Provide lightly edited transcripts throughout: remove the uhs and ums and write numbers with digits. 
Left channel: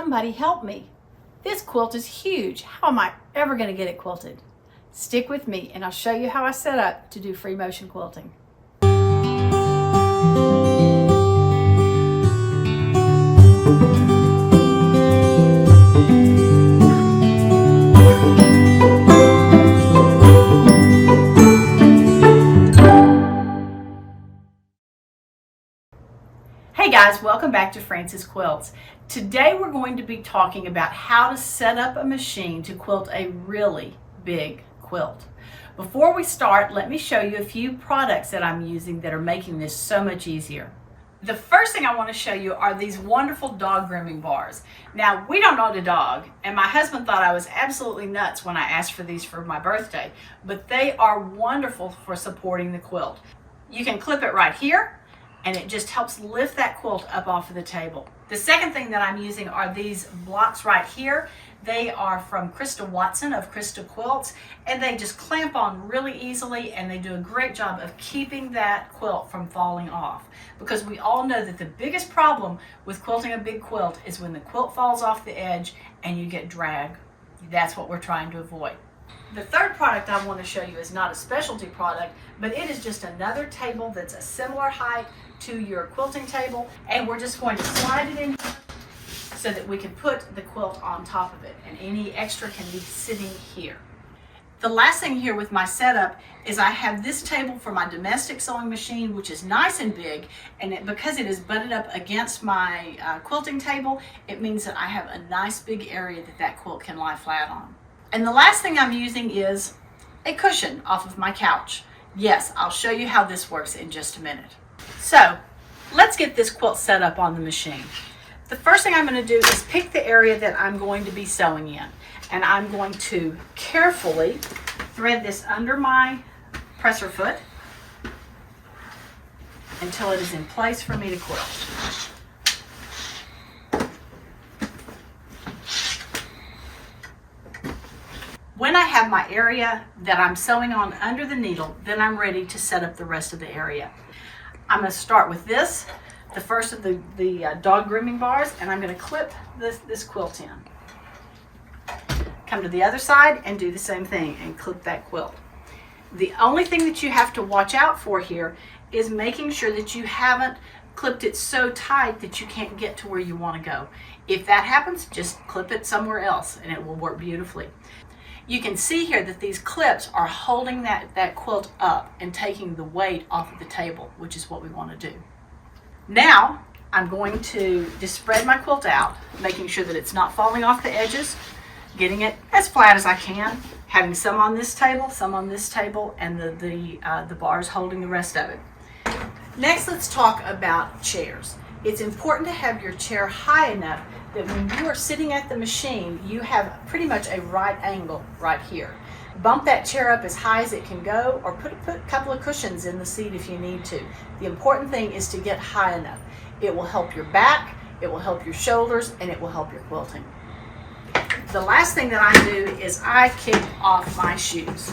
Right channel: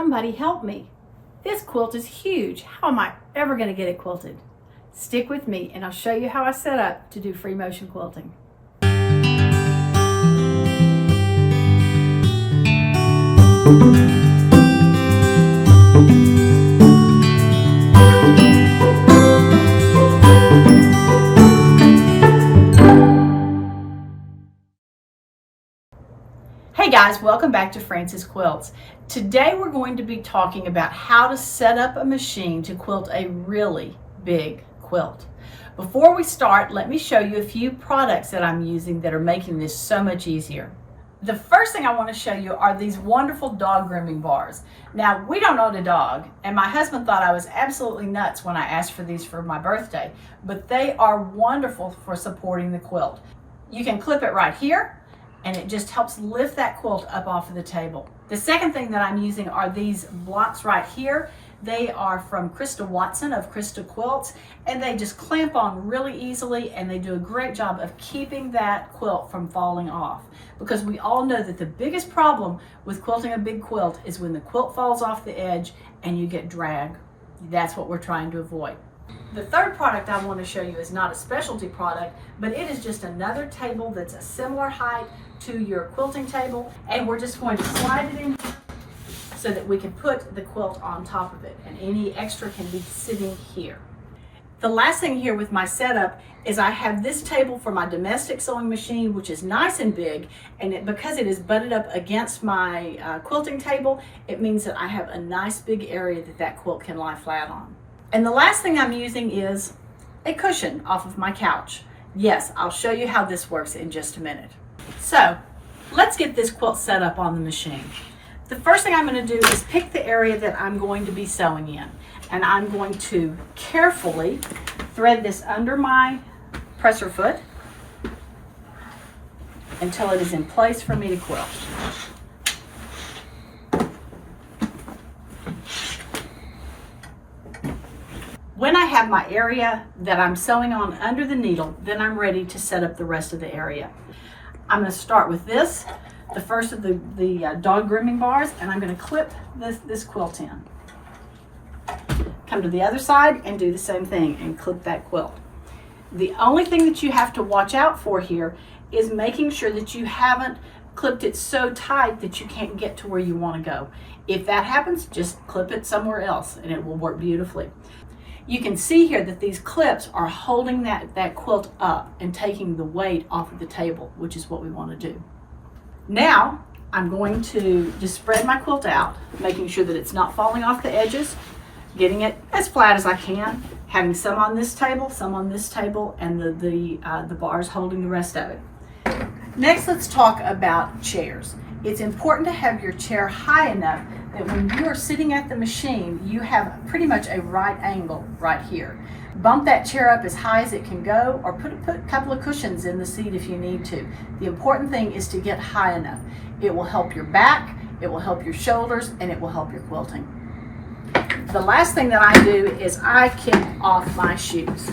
Somebody help me. This quilt is huge. How am I ever going to get it quilted? Stick with me and I'll show you how I set up to do free motion quilting. Hey guys, welcome back to Frances Quilts. Today we're going to be talking about how to set up a machine to quilt a really big quilt. Before we start, let me show you a few products that I'm using that are making this so much easier. The first thing I want to show you are these wonderful dog grooming bars. Now, we don't own a dog, and my husband thought I was absolutely nuts when I asked for these for my birthday, but they are wonderful for supporting the quilt. You can clip it right here, and it just helps lift that quilt up off of the table. The second thing that I'm using are these blocks right here. They are from Christa Watson of Christa Quilts, and they just clamp on really easily, and they do a great job of keeping that quilt from falling off. Because we all know that the biggest problem with quilting a big quilt is when the quilt falls off the edge and you get drag. That's what we're trying to avoid. The third product I want to show you is not a specialty product, but it is just another table that's a similar height to your quilting table, and we're just going to slide it in so that we can put the quilt on top of it, and any extra can be sitting here. The last thing here with my setup is I have this table for my domestic sewing machine, which is nice and big, and because it is butted up against my quilting table, it means that I have a nice big area that quilt can lie flat on. And the last thing I'm using is a cushion off of my couch. Yes, I'll show you how this works in just a minute. So let's get this quilt set up on the machine. The first thing I'm going to do is pick the area that I'm going to be sewing in, and I'm going to carefully thread this under my presser foot until it is in place for me to quilt. When I have my area that I'm sewing on under the needle, then I'm ready to set up the rest of the area. I'm going to start with this, the first of the dog grooming bars, and I'm going to clip this quilt in. Come to the other side and do the same thing and clip that quilt. The only thing that you have to watch out for here is making sure that you haven't clipped it so tight that you can't get to where you want to go. If that happens, just clip it somewhere else and it will work beautifully. You can see here that these clips are holding that quilt up and taking the weight off of the table, which is what we want to do. Now, I'm going to just spread my quilt out, making sure that it's not falling off the edges, getting it as flat as I can, having some on this table, and the bars holding the rest of it. Next, let's talk about chairs. It's important to have your chair high enough that when you are sitting at the machine, you have pretty much a right angle right here. Bump that chair up as high as it can go, or put a couple of cushions in the seat if you need to. The important thing is to get high enough. It will help your back, it will help your shoulders, and it will help your quilting. The last thing that I do is I kick off my shoes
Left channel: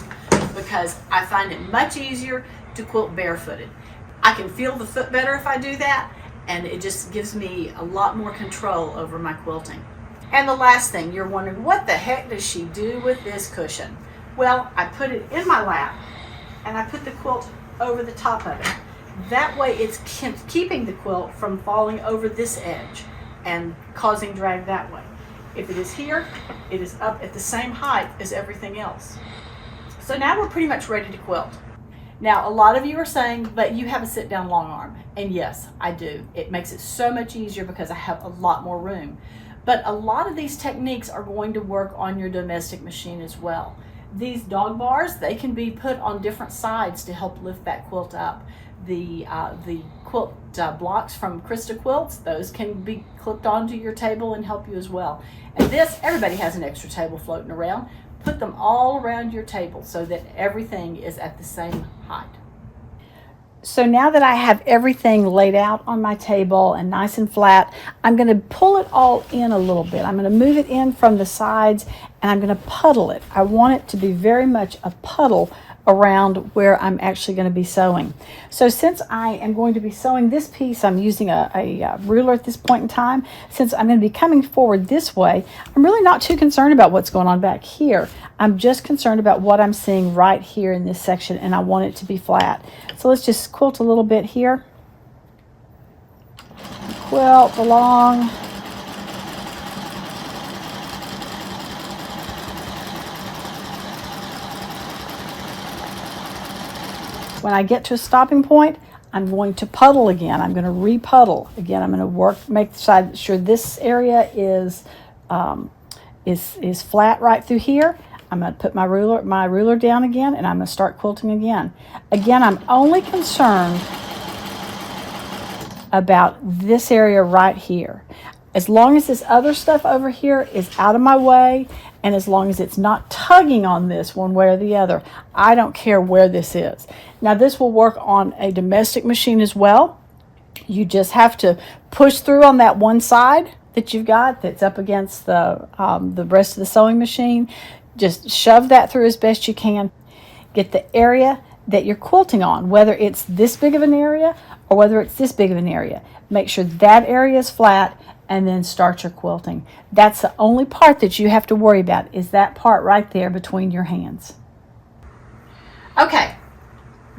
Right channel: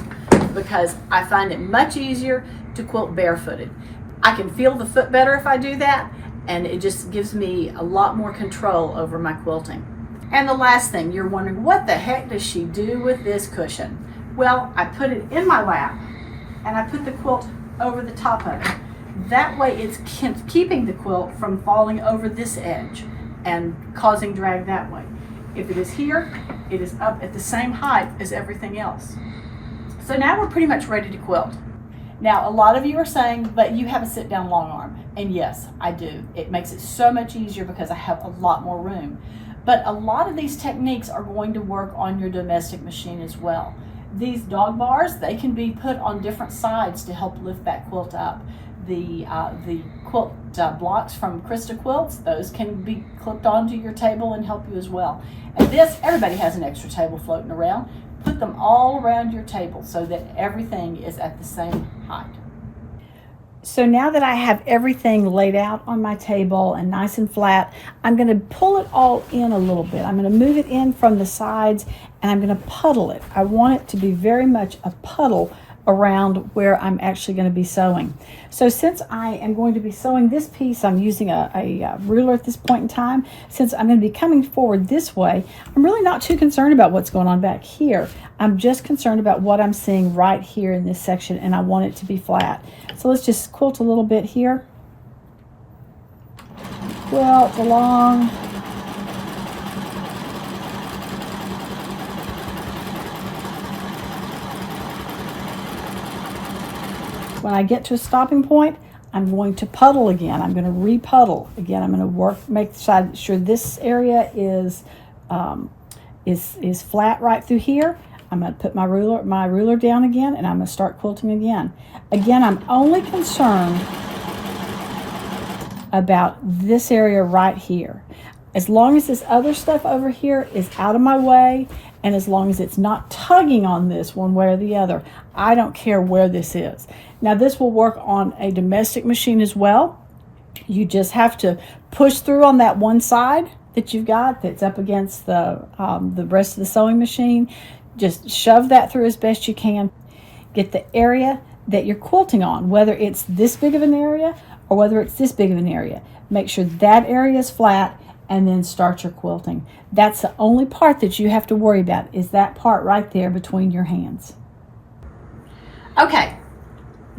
because I find it much easier to quilt barefooted. I can feel the foot better if I do that, and it just gives me a lot more control over my quilting. And the last thing, you're wondering, what the heck does she do with this cushion? Well, I put it in my lap and I put the quilt over the top of it. That way it's keeping the quilt from falling over this edge and causing drag that way. If it is here, it is up at the same height as everything else. So now we're pretty much ready to quilt. Now, a lot of you are saying, but you have a sit-down long arm. And yes, I do. It makes it so much easier because I have a lot more room. But a lot of these techniques are going to work on your domestic machine as well. These dog bars, they can be put on different sides to help lift that quilt up. The quilt blocks from Christa Quilts, those can be clipped onto your table and help you as well. And this, everybody has an extra table floating around. Put them all around your table so that everything is at the same height. So now that I have everything laid out on my table and nice and flat, I'm going to pull it all in a little bit. I'm going to move it in from the sides and I'm going to puddle it. I want it to be very much a puddle around where I'm actually going to be sewing. So since I am going to be sewing this piece, I'm using a ruler at this point in time. Since I'm going to be coming forward this way, I'm really not too concerned about what's going on back here. I'm just concerned about what I'm seeing right here in this section, and I want it to be flat. So let's just quilt a little bit here. Quilt along. When I get to a stopping point, I'm going to puddle again. I'm going to re-puddle again. I'm going to make sure this area is flat right through here. I'm going to put my ruler down again, and I'm going to start quilting again. Again, I'm only concerned about this area right here. As long as this other stuff over here is out of my way, and as long as it's not tugging on this one way or the other, I don't care where this is. Now this will work on a domestic machine as well. You just have to push through on that one side that you've got that's up against the rest of the sewing machine. Just shove that through as best you can. Get the area that you're quilting on, whether it's this big of an area or whether it's this big of an area. Make sure that area is flat, and then start your quilting. That's the only part that you have to worry about, is that part right there between your hands. Okay,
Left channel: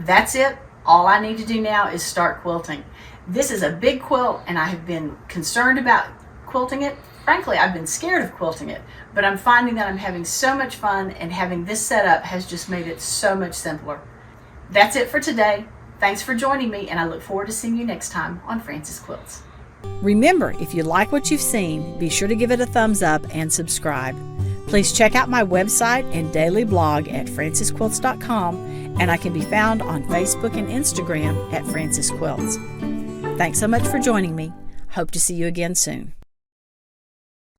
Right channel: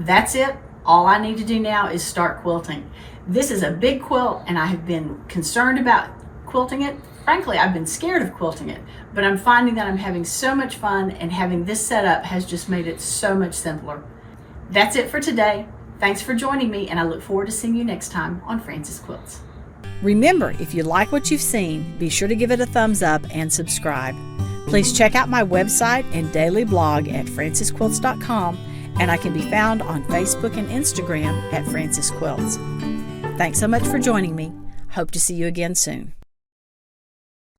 that's it. All I need to do now is start quilting. This is a big quilt, and I have been concerned about quilting it. Frankly, I've been scared of quilting it, but I'm finding that I'm having so much fun, and having this set up has just made it so much simpler. That's it for today. Thanks for joining me, and I look forward to seeing you next time on Frances Quilts. Remember, if you like what you've seen, be sure to give it a thumbs up and subscribe. Please check out my website and daily blog at francesquilts.com, and I can be found on Facebook and Instagram at Frances Quilts. Thanks so much for joining me. Hope to see you again soon.